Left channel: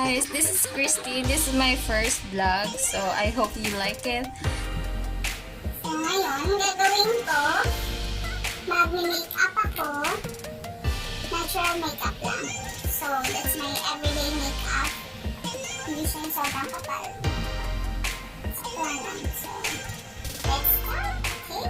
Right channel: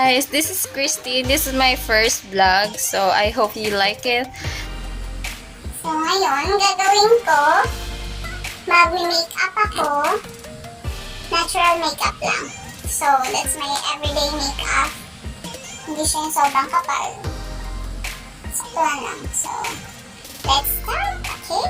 guys, this is Christy. This is my first vlog, so I hope you like it. So ngayon, gagawin ko, mag-makeup ako, natural makeup lang. So that's my everyday makeup. Hindi siya yung sobrang kapal. Sakto lang. So, let's start, okay?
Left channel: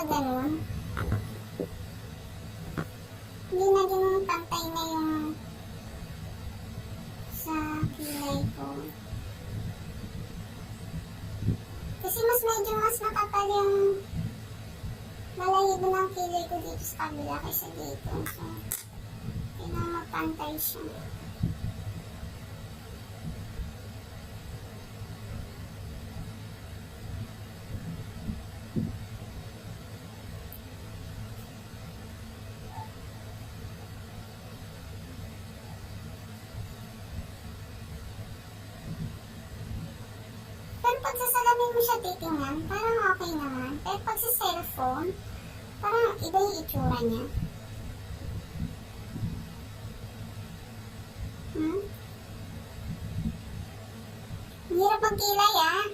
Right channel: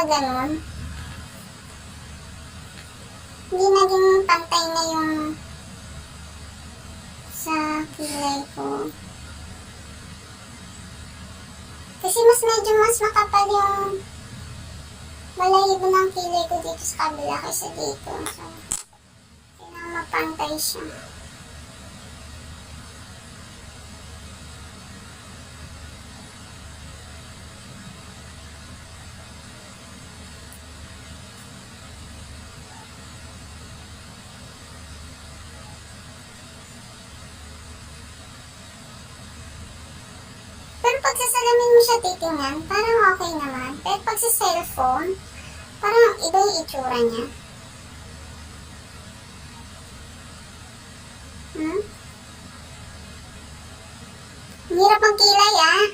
Ganun. Hindi naging pantay na yung sa kilay ko. Kasi medyo mas makapal yung balahibo ng kilay ko dito sa kabila kaysa dito. So, kailangan mapantay siya. Pero pag sa salamin mo siya titingnan, parang okay naman. Pero pag sa cellphone, parang iba yung itsura niya. Ang hirap magkilay ah.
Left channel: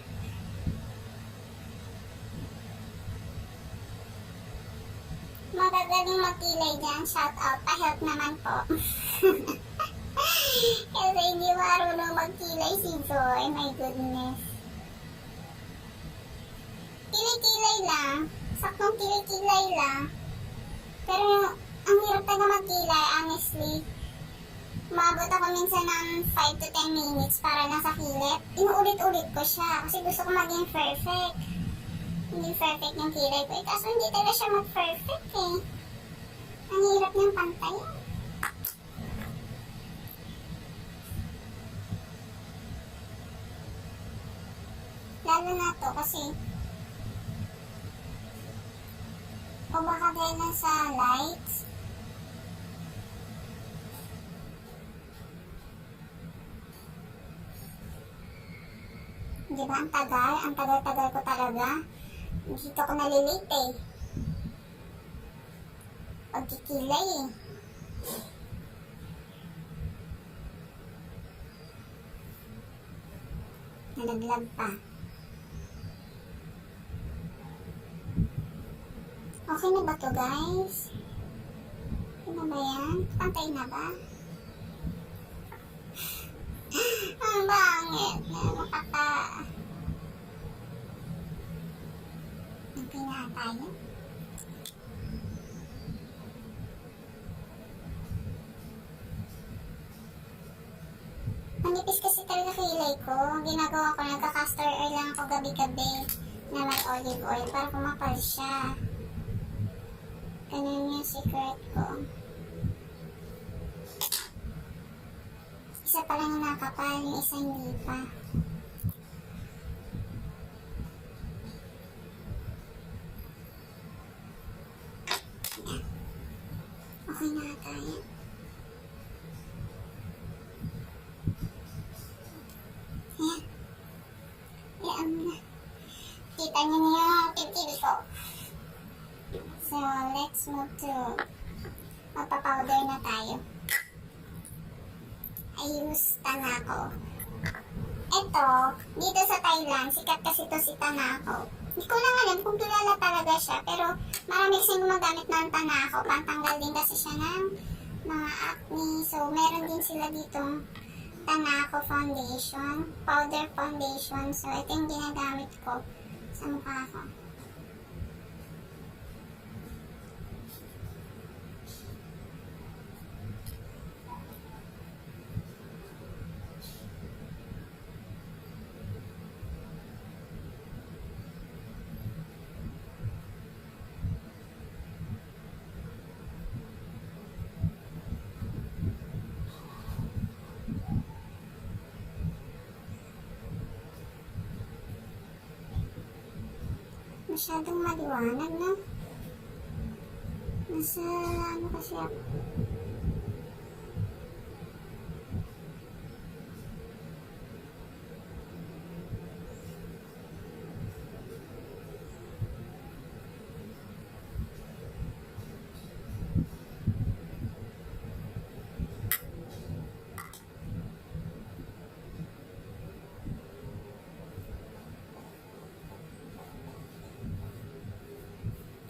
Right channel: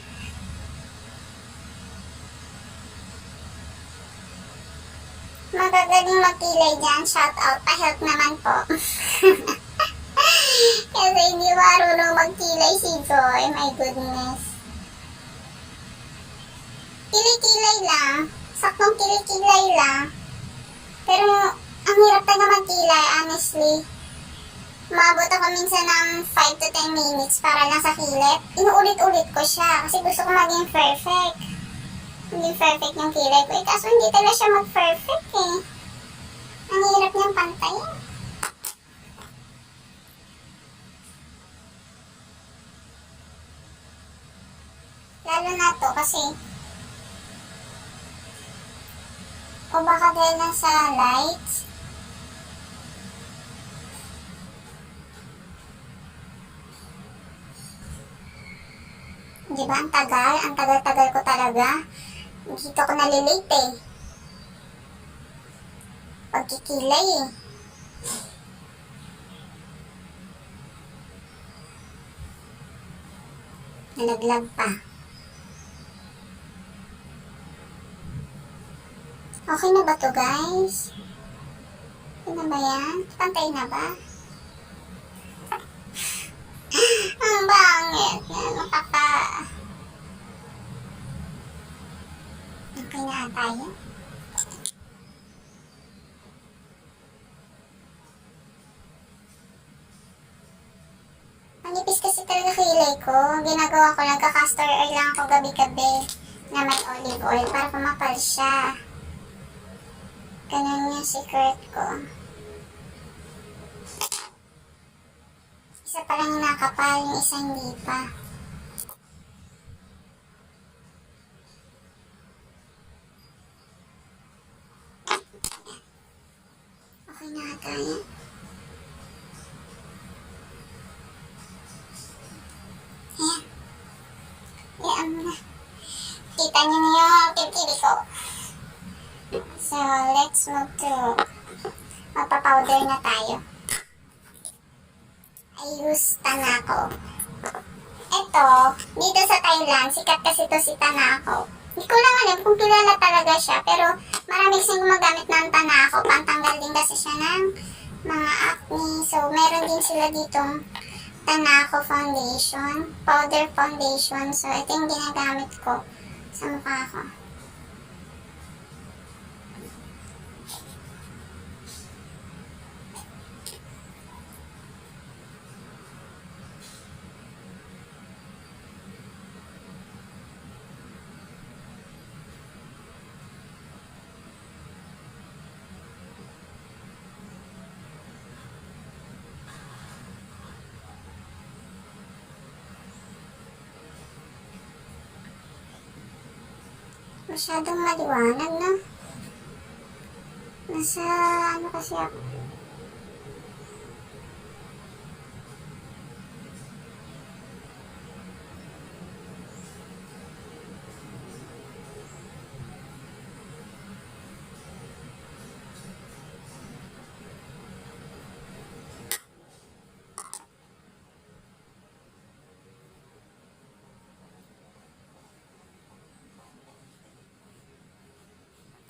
Magagaling magkilay dyan. Shout out. Pa-help naman po. Kasi hindi marunong magkilay si Joy. My goodness. Kilay-kilay lang. Saktong kilay-kilay lang. Pero ang hirap talaga magkilay, honestly. Maabot ako minsan ng 5 to 10 minutes para lang sa kilay. Inuulit-ulit ko siya kasi gusto ko maging perfect. Hindi perfect yung kilay ko. Kaso hindi talaga siya mag-perfect eh. Ang hirap niyang pantayin. Lalo na to kasi o baka dahil lang sa lights. Diba ang tagal? Ang tagal-tagal ko talaga. Dito ko nalilate eh. Pagkikilay eh. Nalaglag pa. Okay na ba to guys? Okay na ba yan? Pantay na ba? Ang bangit na nakaka... Okay na tayo? Manipis kasi talaga kilay ko. Ginagawa ko, nagka-castor oil lang ako gabi-gabi na may olive oil para kumapal siya. Ganun yung secret ko. Isa pa lang yung nakapal, yung isa hindi pa. Okay na tayo. Ayan. Ayan na. Kita niyo na yung tibili ko. So, let's move to magpa-powder na tayo. I use Tanako. Ito, dito sa Thailand, sikat kasi to si Tanako. Hindi ko lang alam kung kilala talaga siya, pero marami kasing gumagamit ng Tanako. Pantanggal din kasi siya ng mga acne. So, meron din sila ditong Tanako foundation, powder foundation. So, ito yung ginagamit ko sa mukha ko. Masyadong maliwanag, no? Nasa ano kasi ako.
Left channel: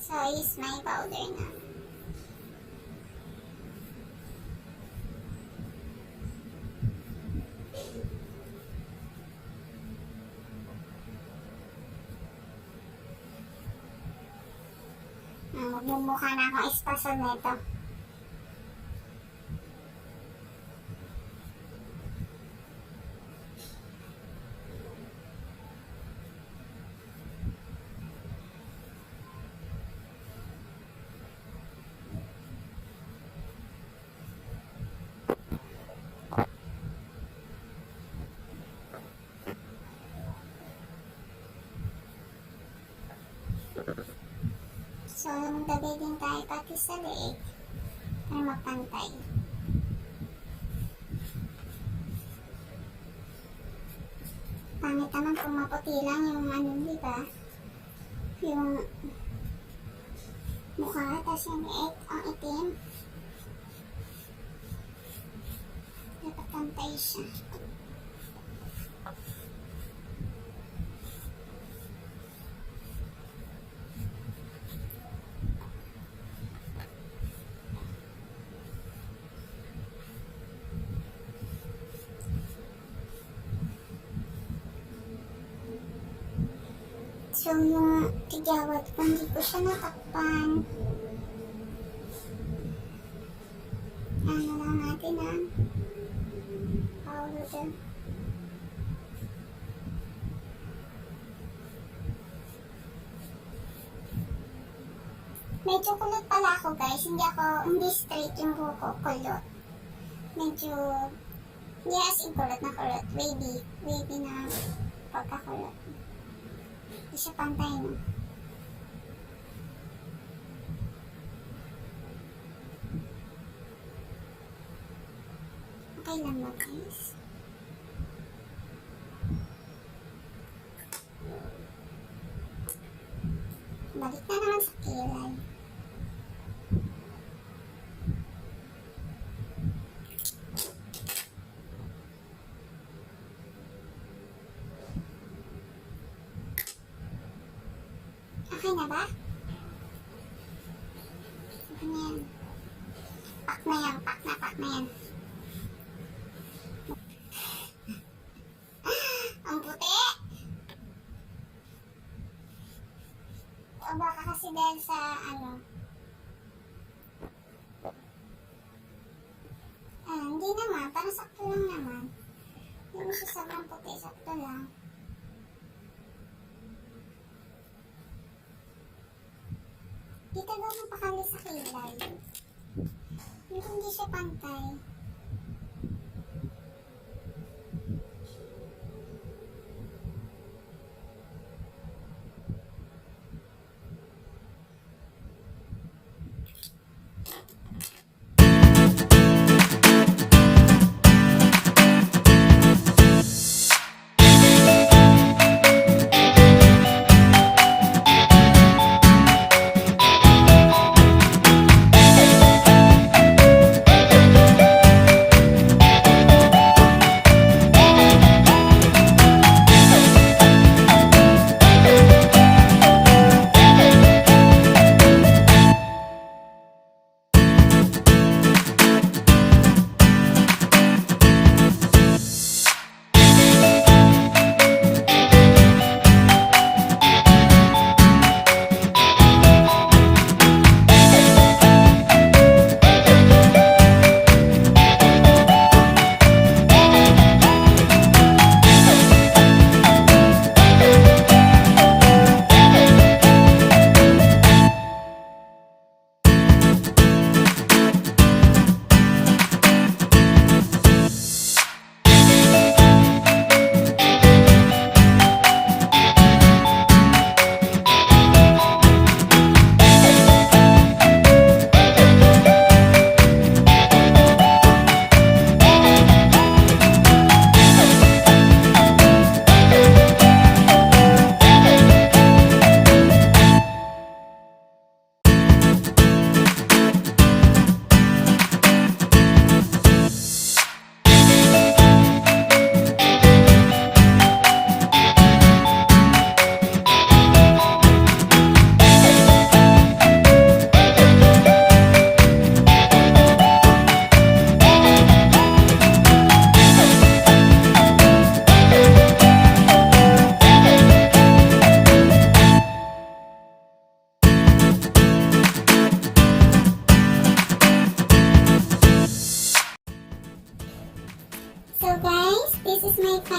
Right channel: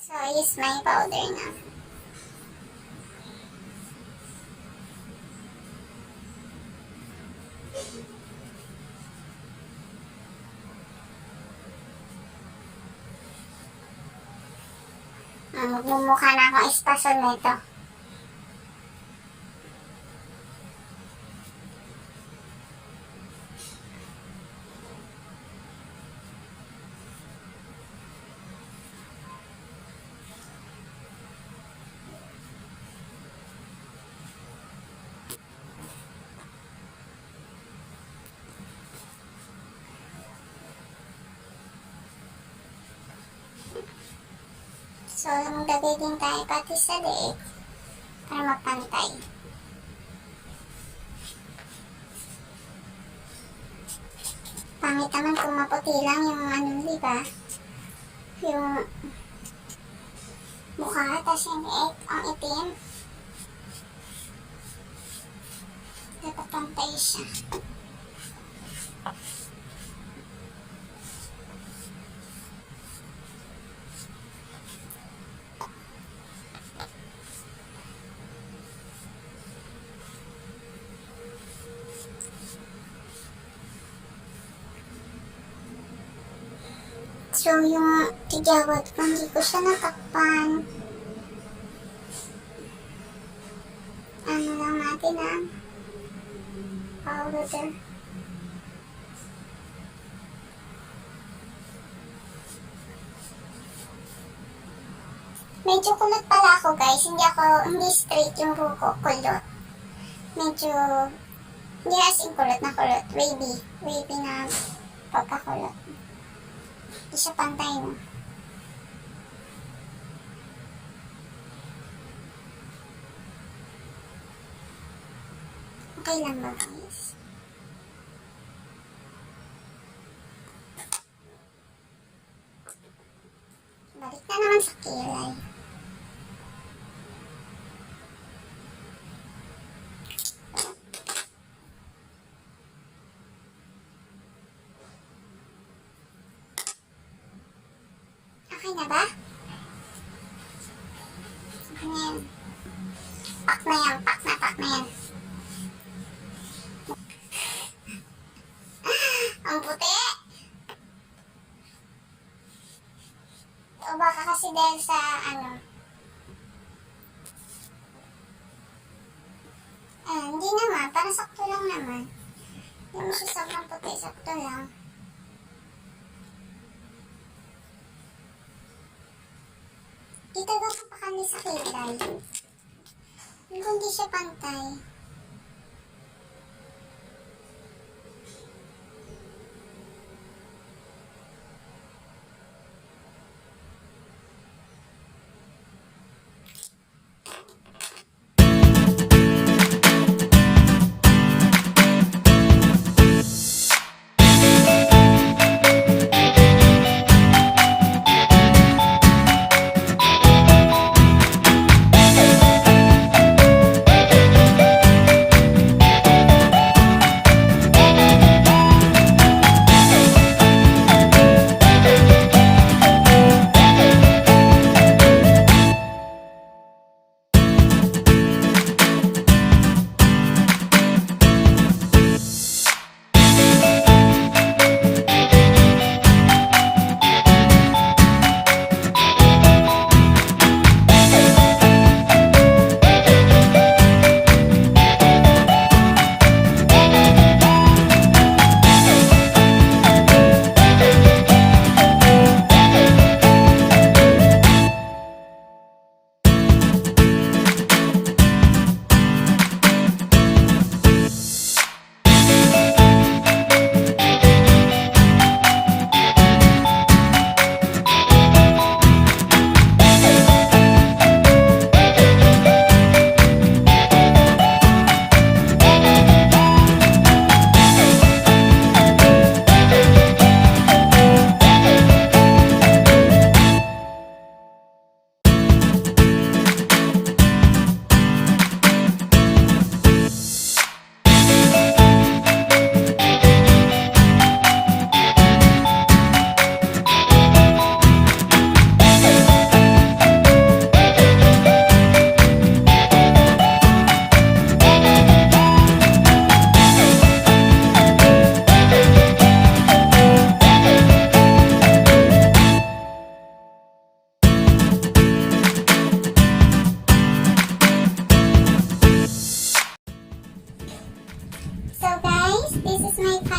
So, I use my powder na. Magmumukha na akong espasol nito. So, maglagay din tayo pati sa leeg para mapantay. Pangit naman kung maputi lang yung ano, diba? Yung mukha, tas yung leeg, ang itim. Dapat pantay siya. So, yung tigawad ko, hindi ko siya natakpan. Ano lang natin powder. Medyo kulot pala ako, guys. Hindi straight yung buko, kulot. Medyo, hindi as in kulot na kulot. Wavy na pagkakulot. Hindi siya pantay, no? Okay lang ba, guys? Balik na naman sa kilay. Okay na ba? Okay na yan. Pak na yan. Ang puti! O baka kasi dahil sa hindi naman. Parang sakto lang naman. Hindi mo siya sobrang puti. Sakto lang. Dito daw mapakali sa kilay. Hindi siya pantay.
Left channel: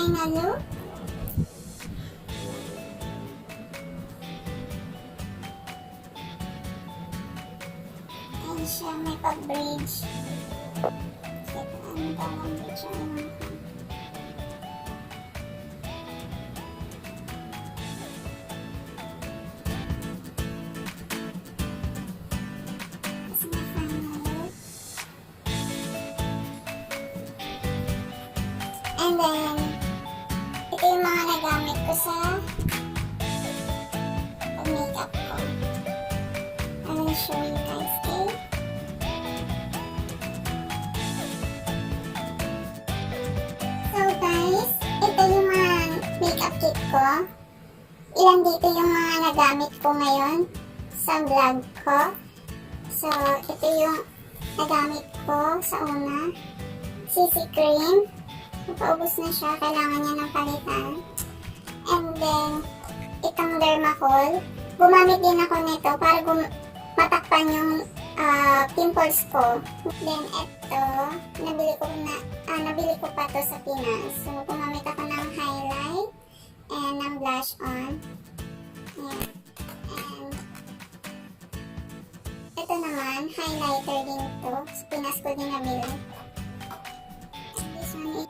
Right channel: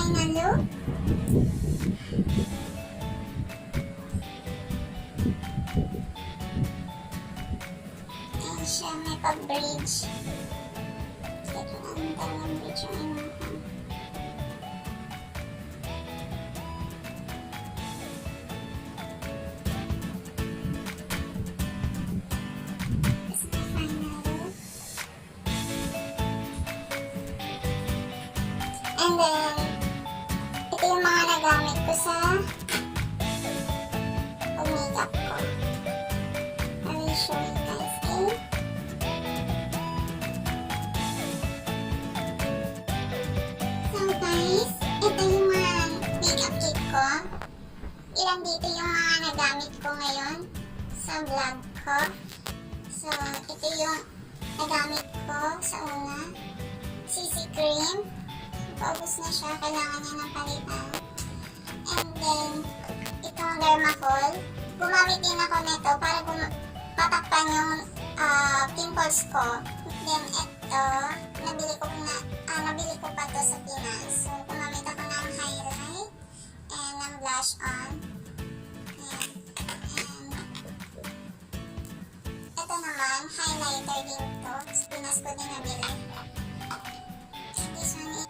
final look. Ayan siya, may pa-bridge. Ito ang tamang bridge yung inuha. Tapos may final look. And then, ito yung mga nagamit ko sa pag-makeup ko. I will show you guys, okay? So guys, ito yung mga makeup kit ko. Ilan dito yung mga nagamit ko ngayon sa vlog ko. So, ito yung nagamit ko sa una. CC cream. Paubos na siya, kailangan niya ng palitan. And then, itong Dermacol. Gumamit din ako nito para matakpan yung pimples ko. Then, ito, nabili ko pa to sa Pinas. So, gumamit ako ng highlight and ng blush on. Ayan. And, ito naman, highlighter din to. Sa Pinas ko din nabili. And this one is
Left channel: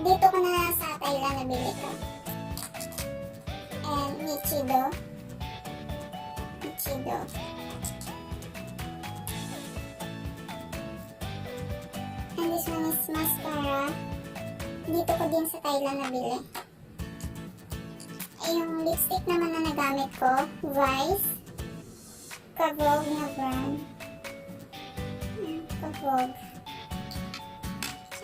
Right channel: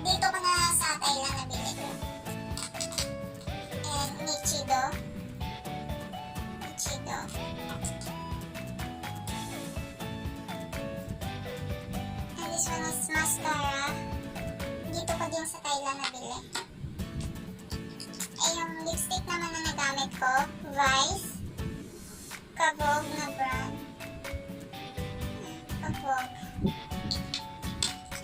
dito ko na sa Thailand nabili ko. And Nichido. And this one is mascara. Dito ko din sa Thailand nabili. Yung lipstick naman na nagamit ko, Vice. Kavog na brand. Kavog.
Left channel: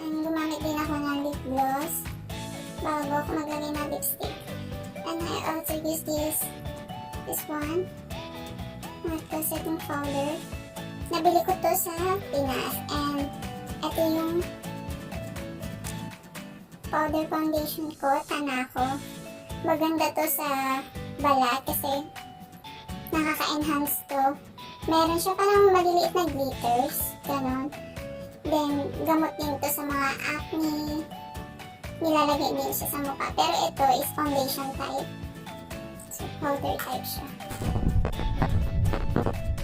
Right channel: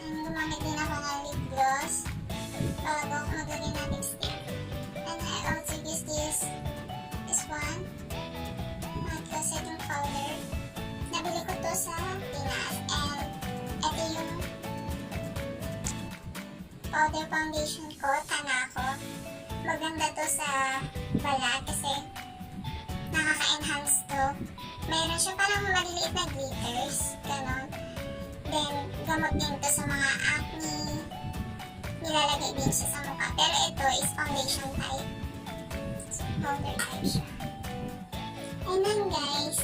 And gumamit din ako ng lip gloss bago ako maglagay ng lipstick. And I also use this one, matte setting powder. Nabili ko to sa Pinas. And ito yung powder foundation ko, Tanako. Maganda to sa balat kasi nakaka-enhance to. Meron siya parang maliliit na glitters, ganon. Then, gamot din ito sa mga acne. Nilalagay din siya sa mukha. Pero ito is foundation type. So, powder type siya. And then guys,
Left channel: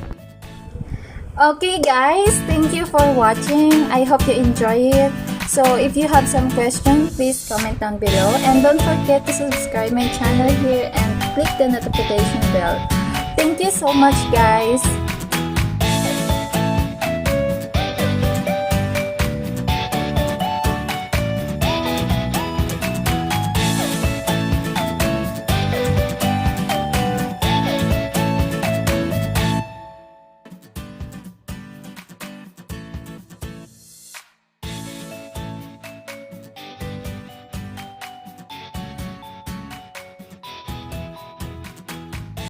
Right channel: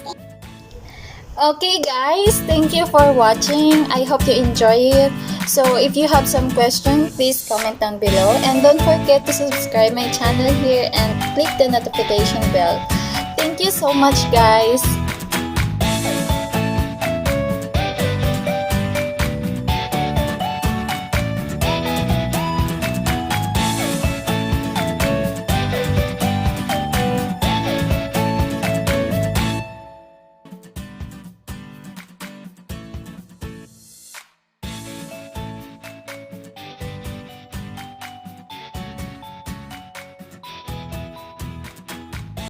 Okay guys, thank you for watching. I hope you enjoy it. So if you have some questions, please comment down below. And don't forget to subscribe my channel here and click the notification bell. Thank you so much guys.